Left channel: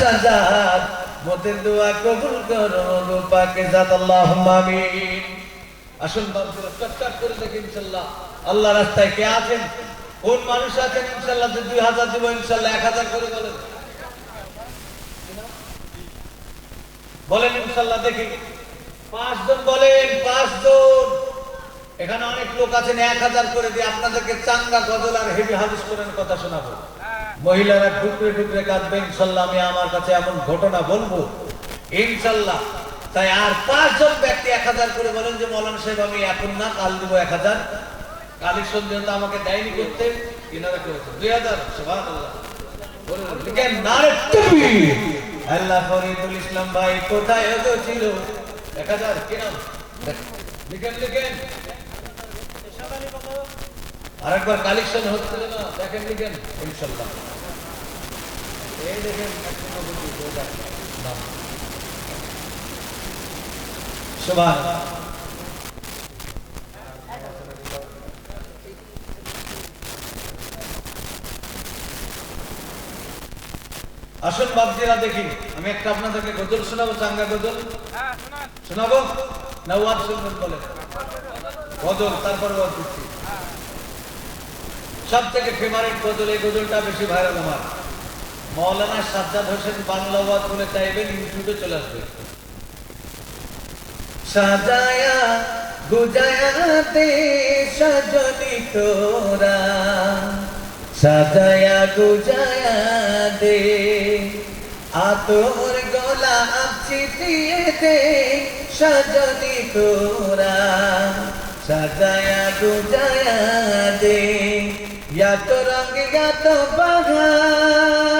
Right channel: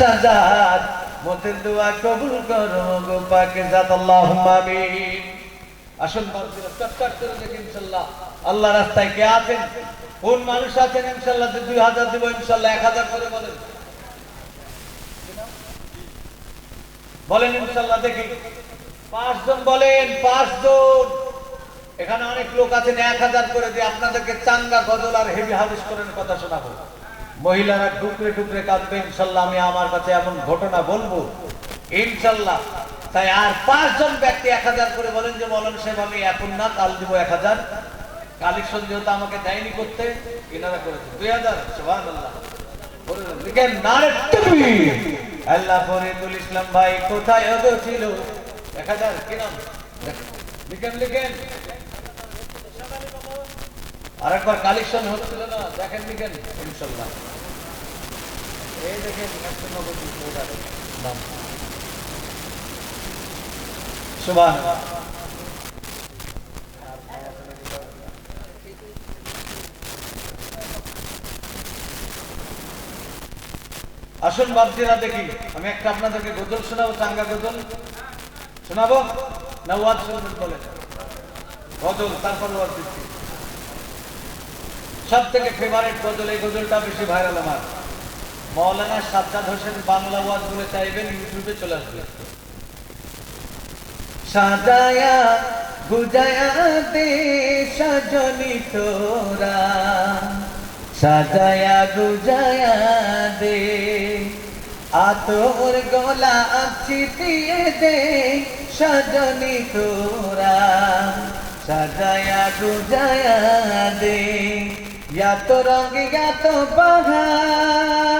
সাজাদ মতের দোয়া কবুল করো গো পাকে জাত আল্লাহুম্মা আমিন। আসুন বাবুরা চটচট করে দেখি ইনশাআল্লাহ আল্লাহ রাস্তায় কে আছেন, কোন মানুষ আছেন ইনশাআল্লাহ 2000 দেব ইনশাআল্লাহ 1000 করে বলেন বলেন ইনশাআল্লাহ দেখি 5 জন বলেন 5 জন। এখানে অনেক লোক আছেন 1000 করে দিয়ে আপনাদেরকে চাঙ্গা গজল আর হেভি হাদিস করেন কথা শোনাবো। মহিলারা টুকরে টুকরে কাঁদবে ইনশাআল্লাহ, আমি আমার কাছে এমন ঘটনা বলবো ইনশাআল্লাহ। তাই আর 5 জন ব্যক্তি 1000 করে বলেন যে মাওলানা সাহেব আমি এখন না কাল দিব 1000। কালেকশন যেহেতু আমাকে দেয়নি করতে কিনারা করেছে 2000। সুবহানাল্লাহ বলুন লিখেন নারে তাকবীর। আল্লাহ ফরিদুল ইসলাম ভাই কোথায় ছিল 1000 কি নাম লিখেন লিখেন। আরেকবার কালেকশন হচ্ছিল না দেখেন লিখেন ইনশাআল্লাহ। এই দেখেন সুবহানাল্লাহ। আসুন বাবজিরা দেখি আমি একটা আপনাদেরকে গজল শোনাবো, চাঙ্গা গজল শোনাবো না ওয়াজ শুনবেন বলেন? গজল তারপর ওয়াজ দিচ্ছি। সব থেকে ফেভারিট গজল, এই গজলটা বেশি ভাইরাল আমার। মাওলানা সাজ্জাদ হোসেন বাংলা ওয়াজ বলে চাইবেন ইউটিউবে চলে আসবে। সাজায়া গুজায়া দে সজনি তোরা, সাজায়া গুজায়া দে আতর গোলাপ ছিটিয়ে দে সজনি তোরা, সাজায়া গুজায়া দে या तो रंग या तो बहार।